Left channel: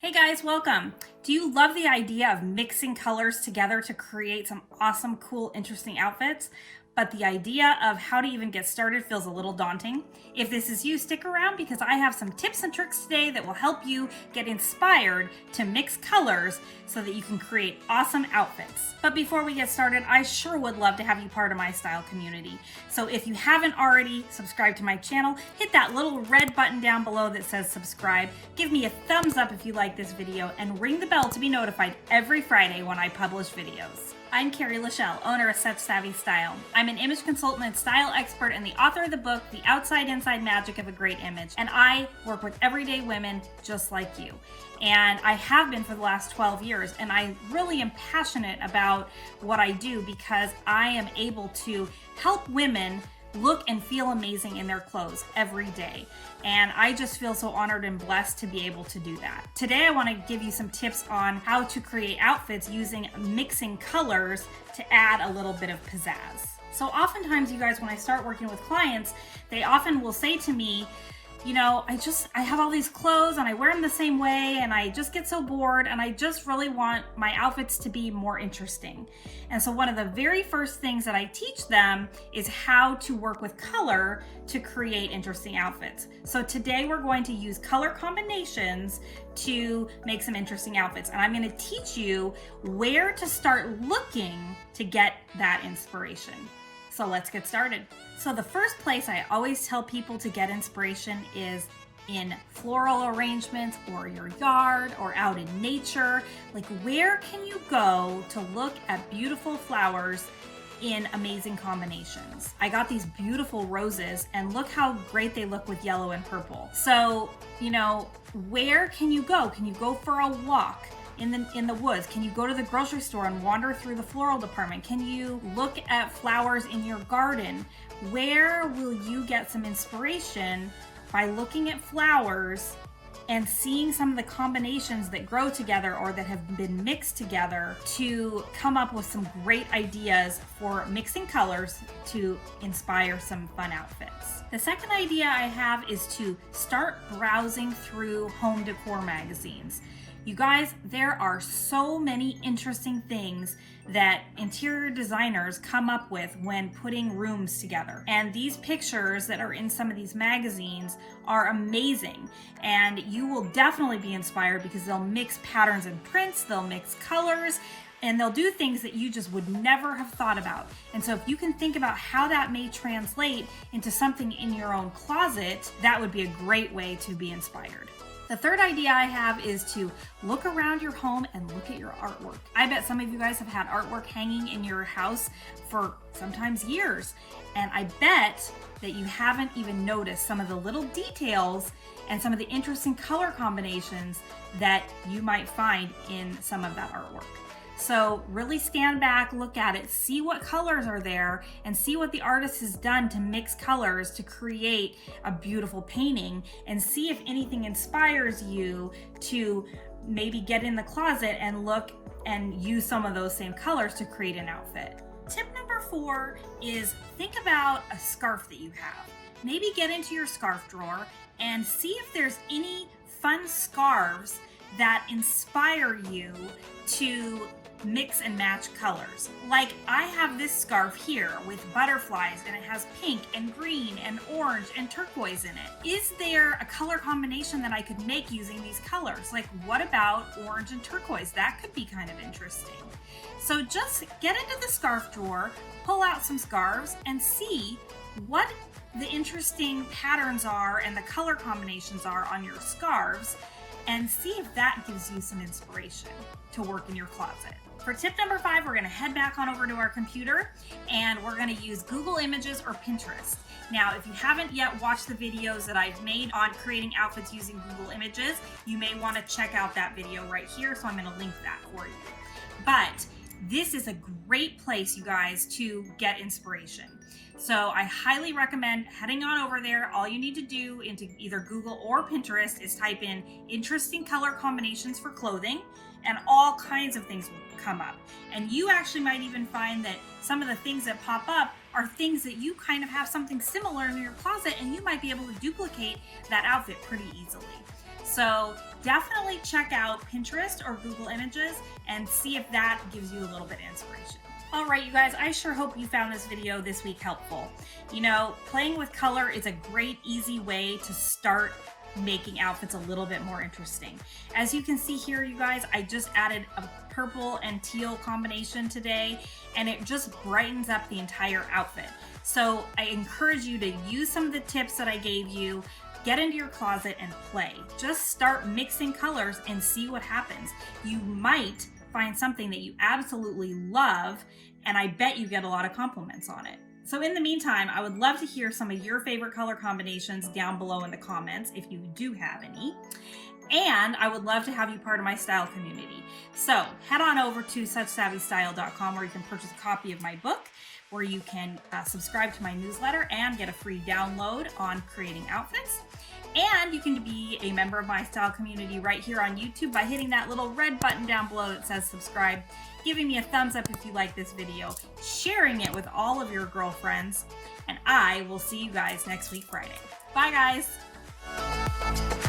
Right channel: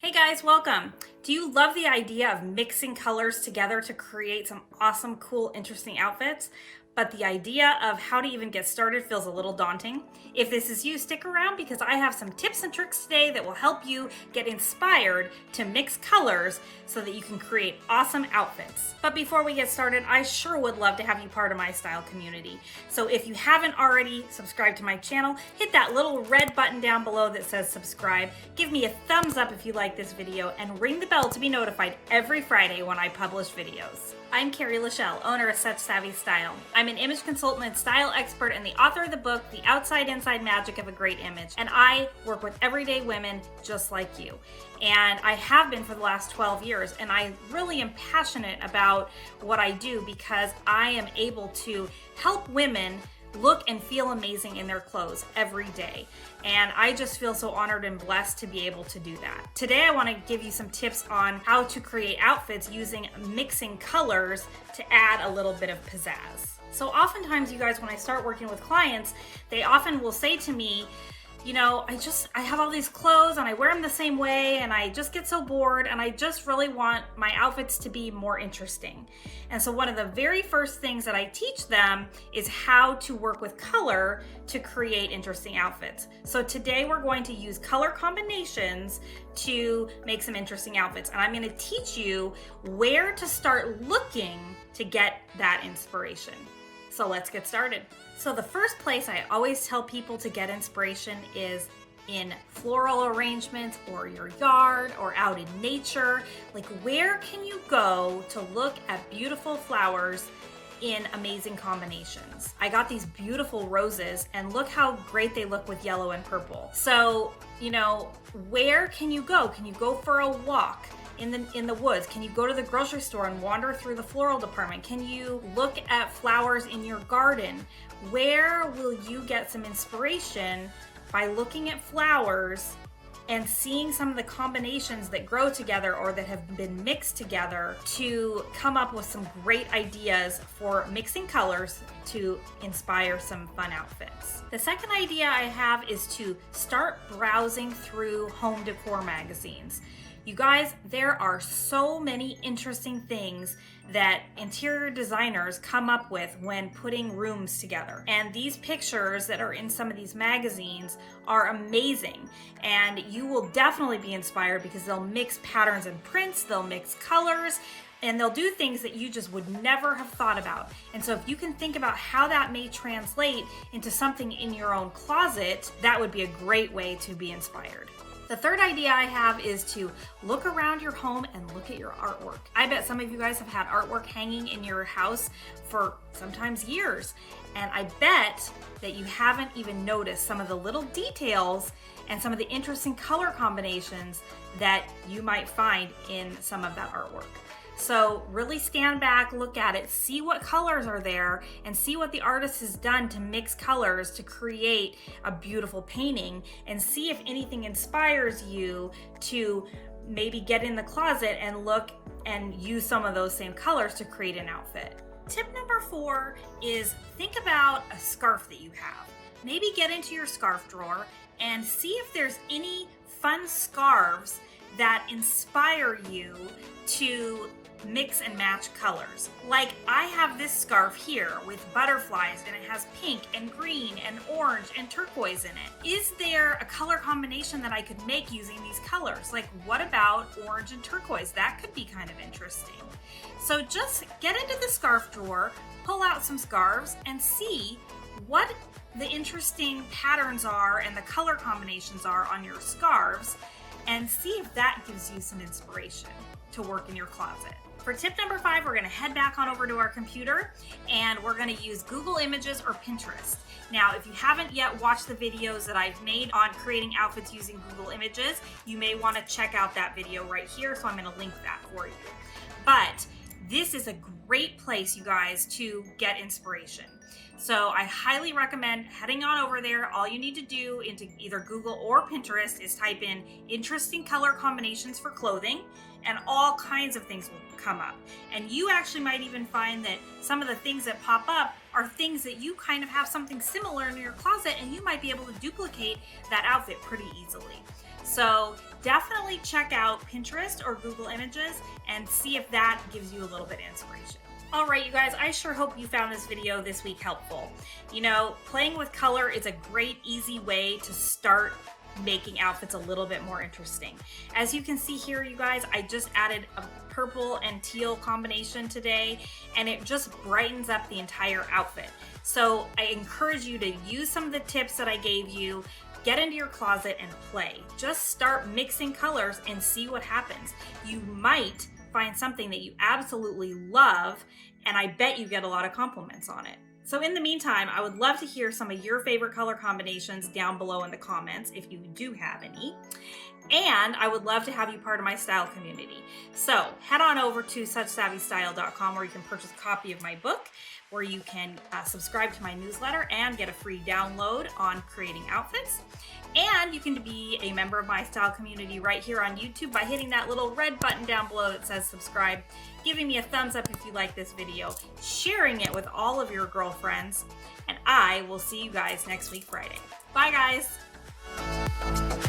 Hey guys, welcome. Do you love the idea of mixing colors together to create some awesome, cool, interesting outfits? But the idea of how to even get started feels a little daunting? If this is you, stick around because I have some tips and tricks today that will help you get inspired to mix colors so that you can create awesome outfits. But before we get started, I sure would love to have you part of my style community. So if you haven't already subscribed to my channel, hit that little red button down below that says subscribe. Give me a thumbs up if you like this video and ring the bell to be notified every Friday when I publish videos. I'm Carrie, owner of SuchSavvyStyle. I'm an image consultant and style expert and the author of the book, The Outside-Inside Magic of a Great Image. And I work with everyday women just like you. And I have been for the last 12 years. And I really am passionate about what I do because I am able to help women look and feel amazing in their clothes every day. And I just feel so honored and blessed to be able to do that. Today, I want to give you some tips on how to create outfits using mixing colors to add a little bit of pizzazz. So oftentimes, you guys, when I start working with clients, they often will say to me, you know, I have all these clothes and I wear them the same way and I just get so bored and I just really want my outfits to be more interesting. And so one of the very first things that I teach them is how to work with color to create interesting outfits. So today we're going to use color combinations to make some interesting outfits. And I'm going to teach you where to start looking to get that inspiration. So let's get started. So the first place I always tell people to get inspiration is in floral arrangements or your yard or out in nature. Like, where can you go to look at beautiful flowers in amazing combinations? I got these beautiful roses and look how great they look with yellow and purple. So, you know, where can you go? Can you go for a walk in the woods? Can you go to the grocery store and wander through the floral department? Can you look at flowers in your garden? Where will you get some inspiration by looking at flowers and seeing some of the combinations that grow together or that have been mixed together to come up with some great ideas for mixing colors to inspire some fun outfits? The second idea I have is to start browsing through home decor magazines. You guys, there are so many interesting things that interior designers come up with when putting rooms together. And these pictures that are in some of these magazines are amazing. And you will definitely be inspired because they'll mix patterns and prints, they'll mix colors, and they'll do things that you just would never have thought about. And so if you can think about how that may translate into something in your own closet, that would be a great way to be inspired. The third idea I have is to look around your home and look at your artwork. I bet some of you guys have had artwork hanging in your house for sometimes years. And I bet that you haven't even noticed some of the little details and some of the interesting color combinations that you might find in some of that artwork. So really stand back, look at it, see what colors are there, and see what the artist has done to mix colors to create a beautiful painting, and see if anything inspires you to maybe get in the closet and look and use some of those same colors to create an outfit. Tip number 4 is think about a scarf that you have. Maybe get into your scarf drawer and see if there's any fun scarves that inspire you to mix and match colors. Like, I have this scarf here with butterflies and it has pink and green and orange and turquoise in it. Is there a color combination that I could make using these colors? Like, what about orange and turquoise? That could be kind of interesting. So just get into the scarf drawer, pull out some scarves and see what the interesting patterns are and the color combinations are on your scarves, and see if that gives you some inspiration to work in your closet. For tip number 5, we're gonna head back on over to our computer and we're gonna use Google Images or Pinterest. Now, if you haven't yet watched the videos that I've made on creating outfits using Google Images, you may wanna check out that video right here, so I'm gonna link that for you. But this is a great place, you guys, to get inspiration. So I highly recommend heading on over there. All you need to do into either Google or Pinterest is type in interesting color combinations for clothing, and all kinds of things will come up. And you actually might even find that some of the things that pop up are things that you kind of have something similar in your closet, and you might be able to duplicate that outfit pretty easily. So definitely check out Pinterest or Google Images and see if that gives you a little bit of inspiration. All right, you guys, I sure hope you found this video this week helpful. You know, playing with color is a great, easy way to start making outfits a little bit more interesting. As you can see here, you guys, I just added a purple and teal combination today, and it just brightens up the entire outfit. So I encourage you to use some of the tips that I gave you, get into your closet and play. Just start mixing colors and see what happens. You might find something that you absolutely love, and I bet you get a lot of compliments on it. So in the meantime, I would love to hear some of your favorite color combinations down below in the comments if you do have any. And I would love to have you part of my style community. So head on over to SuchSavvyStyle.com where you can purchase a copy of my book, where you can subscribe to my newsletter and get a free download on creating outfits. And you can be a member of my style community right here on YouTube by hitting that little red button down below that says subscribe, giving me a thumbs up if you like this video, sharing it with all of your girlfriends, and I will see you guys next week Friday. Bye guys!